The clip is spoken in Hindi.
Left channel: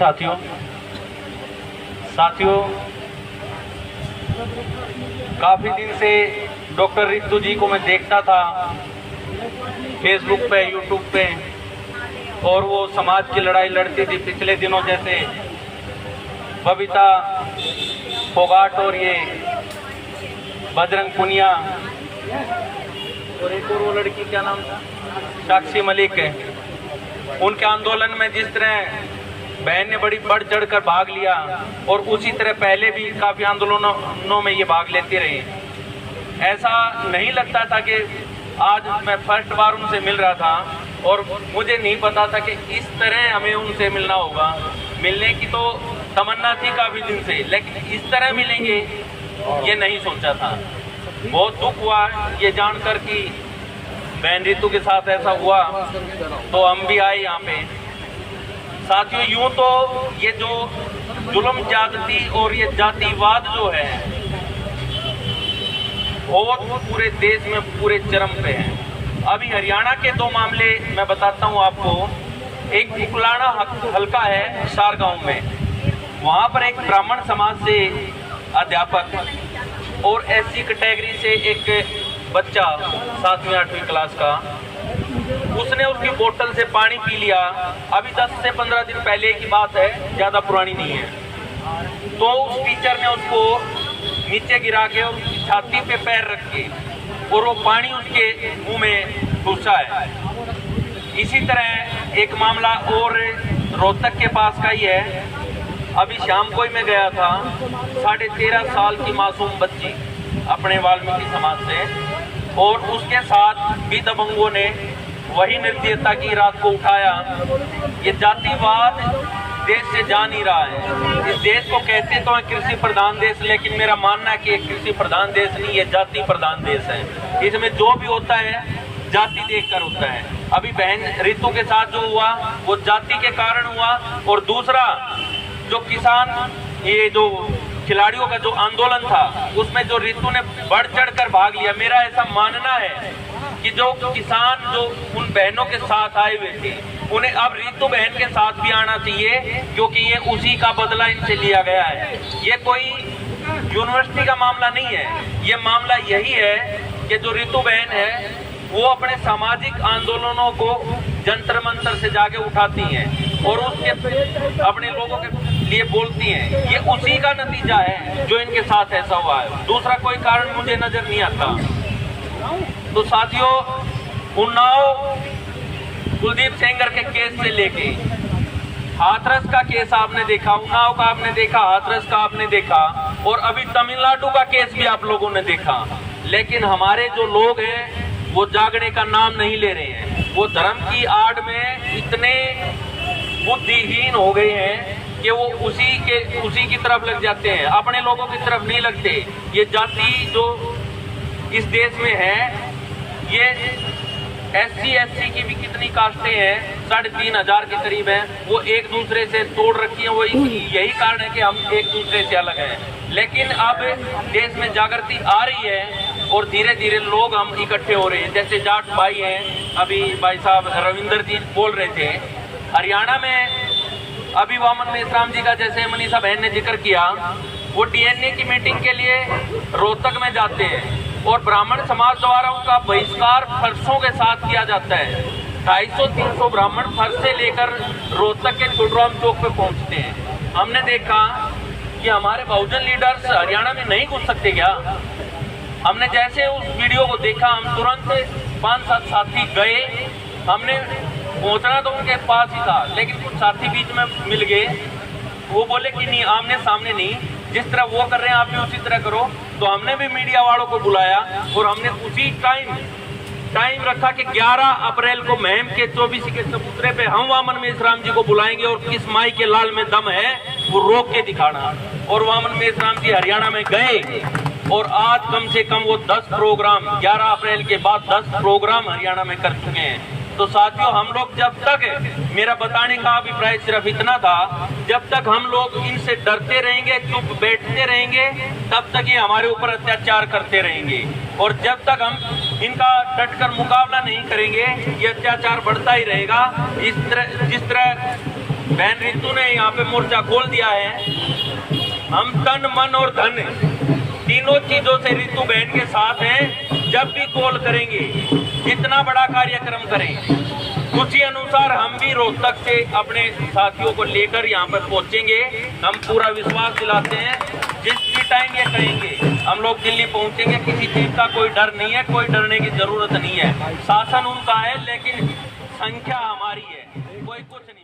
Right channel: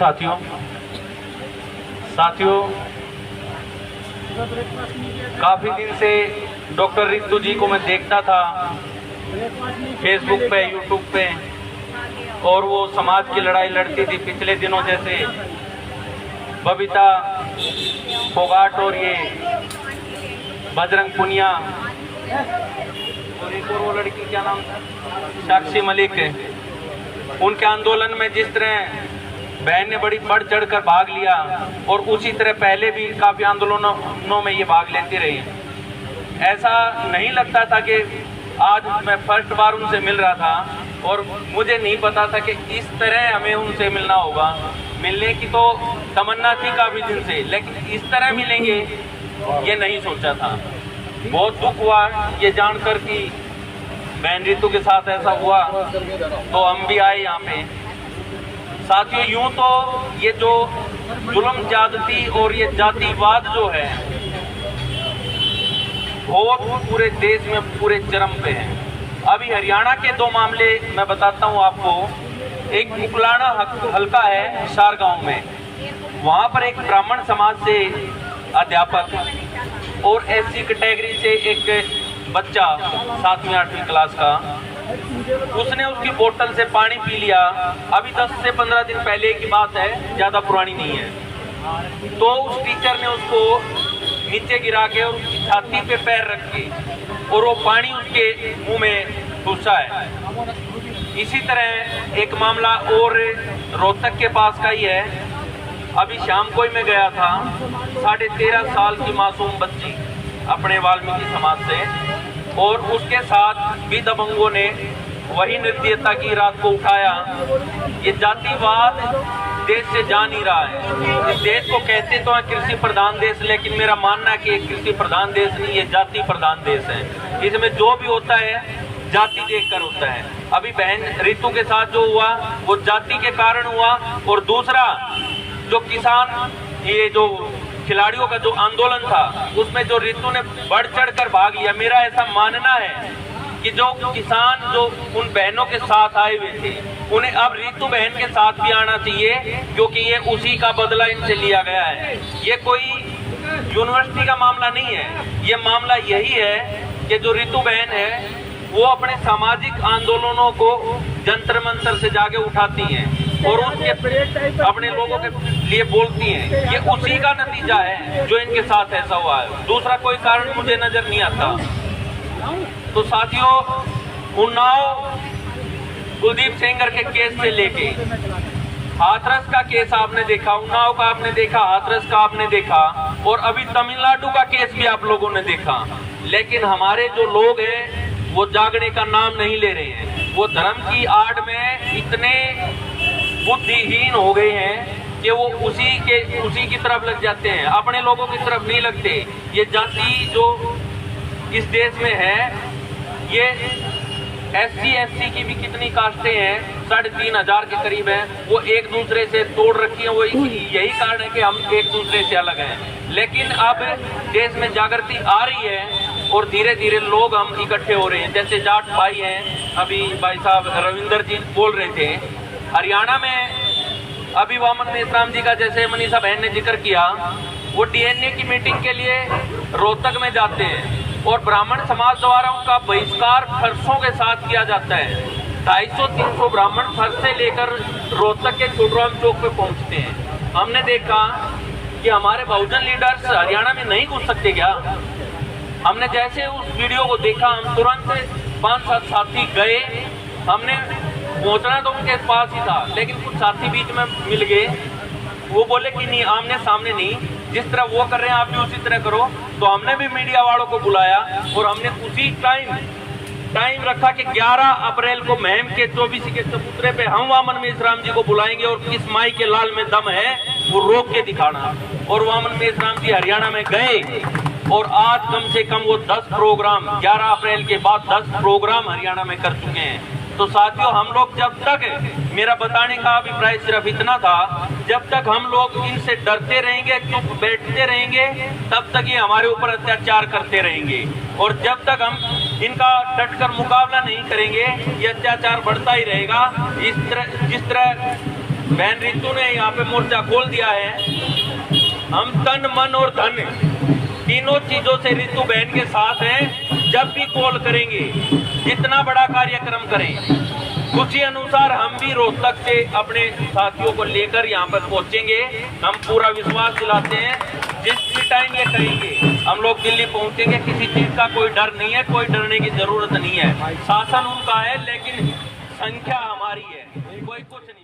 साथियों। काफ़ी दिन से डॉक्टर रितु जी को मैं देखता था फेसबुक पे, यूट्यूब पे, और वो समाज की लड़ाई लड़ती थी। पिछले दिनों जैसे बबीता फोगाट और ये बजरंग पुनिया और एक और वो लड़की, क्या नाम था, साक्षी मलिक है, उनके आंदोलन में जिस तरह बहन ने बड़ी बढ़ चढ़ कर भाग लिया, और उसी तरह पहले भी काफ़ी आंदोलनों में ये भाग लेती रही। ऐसा नहीं लगता था कि आज मैं फर्स्ट बार उनसे मिल रहा था, और मुझे नहीं पता था कि इस तरह हमें उनसे मिलना होगा। मिलने की तो तमन्ना थी काफ़ी दिन से, लेकिन इस तरह मिलेंगे ये नहीं सोचा था। बहुत दुख हुआ ये जानकर कि बहन रितु के साथ ऐसा हुआ, तो हम भी आए यहाँ पे। साथियों, यूँ तो ये जो जुल्म ज्यादती और ये जातिवाद जो है बहुत पूरे देश में पूरे चरम पे है। अभी हरियाणा के दो मामले मैं बताता हूँ आपको। एक उकलाना हल्का है हिसार गांव में, वहाँ पर एक ब्राह्मण समाज से अध्यापक और एससी कैटेगरी से एक बच्चा 7वीं 8वीं क्लास का, उसने उसकी बोतल से पानी पी लिया। अभी 10 से 15 दिन पहले की बात है, ज़्यादा पुरानी नहीं है। तो उस टीचर ने उसको नीचे गिरा के और उसकी छाती पे पैर रख के और वो पानी उसके मुंह में घुसा है। इसी तरह एक मामला और रोहतक के पास का ही है। अभी शाम को ही मैं गया था, 13.5 साल की मासूम बच्ची अपने वाल्मीकि समाज से, और उसके साथ भी दबंगों ने वही निर्दयता की रात को उठाया। ये जातिवाद देश से जा नहीं रहा है। इस देश को कहते तो है कृषि प्रधान देश, लेकिन मेरा मानना है कि कृषि प्रधान देश नहीं, ये जाति प्रधान देश है। इसमें जो भी होता है जाति देखकर होता है। अभी बहन रितु के साथ जो हुआ वो जाति के कारण हुआ। और दूसरा, जो किसान, ये जो खिलाड़ियों का जो आंदोलन था, उसमें जो रितु ने बढ़ चढ़ कर भाग लिया। मेरा ऐसा मानना है कि जो किसान जो उन बहनों के साथ आए हुए थे, उन्हें अब रितु बहन के साथ भी आना चाहिए, क्योंकि ये उसी का बदला इनसे लिया गया है। ये कोई यूनिवर्सिटी का मामला नहीं है, ये मामला यही है कि जो रितु बहन है वो अपने सामाजिक आंदोलनों को जंतर मंतर से जाके उठाती हैं और उसके अपने लोगों के लिए बोलती हैं। ये उसी का नतीजा है जो इनके साथ ऐसा हुआ है। दूसरा कोई कारण मुझे नजर नहीं आता। तो साथियों, उन्नाव कुलदीप सेंगर के केस से लेके हाथरस का केस आपने देखा, उन्नाव का आपने देखा, हाथरस का आपने देखा, और अभी तमिलनाडु का केस भी आप लोगों ने देखा। लेकिन हमारे जो लोग हैं वो जागने का नाम नहीं ले रहे हैं। वो धर्म की आड़ में इतने बुद्धिहीन हो गए हैं कि वो उसी की तरफ लग जाते हैं, अपने लोगों की तरफ नहीं लगते। ये जाति जो इस देश में है, ये SC SC की भी कितनी कास्टें हैं, 3,500 के करीब हैं, वो एक दूसरे से तोड़ रखी हैं। वो यही कारण है कि हम एक दूसरे से अलग हैं। लेकिन अब देश में जागृति आ रही है और धीरे धीरे लोग हम इकट्ठे हो रहे हैं। जैसे जाट भाई हैं, अभी भाई साहब रविंदर जी बोल रहे थे, हरियाणा में अभी वामन मेश्राम जी का जैसे मनीषा बहन ने जिक्र किया, वो DNA की मीटिंग के लिए रोहतक में जाते हैं और ब्राह्मण समाज द्वारा उनका बहिष्कार फर्शों के साथ किया जाता है। 250-300 ब्राह्मण फर्श से लेकर रोहतक के छुटराम चौक पे पहुंचते हैं। हमने देखा कि हमारे बहुजन लीडर्स हरियाणा में नहीं घुस सकते क्या? हमने जैसे उस वीडियो को देखा, हम तुरंत 5-7 साथी गए। हमने पहुंचना तो उनके पास ही था, लेकिन कुछ साथी बीच में मिल गए। वो बोले कि नहीं, आमने सामने नहीं, जिस तरह वो कर रहे हैं आप भी उसी तरह करो। तो हमने भी मीडिया वालों को बुलाया और हमने उसी टाइम रखा कि 11 अप्रैल को महम के 24 के चबूतरे पे हम वामन मेश्राम जी को बुलाएंगे और किस माई के लाल में दम है वो रोक के दिखाना। और वामन मेश्राम जी हरियाणा में गए और आज कम से कम वो 10 प्रोग्राम 11 अप्रैल के बाद 10 प्रोग्राम हरियाणा में कर चुके हैं। तो साथियों, हम लोग जब तक, मेरा बताने का अभिप्राय सिर्फ इतना था, जब तक हम लोग इनसे डरते रहेंगे, चुप बैठते रहेंगे, तब तक ये हमारे ऊपर अत्याचार करते रहेंगे। और जब तक हम इनका डटकर मुकाबला नहीं करेंगे, ये अत्याचार बढ़ता ही रहेगा। जिस तरह बहन रितु ने यहाँ पे मोर्चा खोल दिया है। हम तन मन और धन तीनों चीजों से रितु बहन के साथ हैं। जब भी कॉल करेंगे, जितना बड़ा कार्यक्रम करें, उसी अनुसार हम भी रोहतक से अपने साथियों को लेकर यहाँ पर पहुंचेंगे। हम पूरा विश्वास दिलाते हैं जिस भी टाइम ये करेंगे हम लोग दिल्ली पहुंचेंगे। किसी चीज का कोई डर नहीं है, कोई डरने की जरूरत नहीं है। शासन उनका है लेकिन संख्या हमारी है, कोई कुछ नहीं।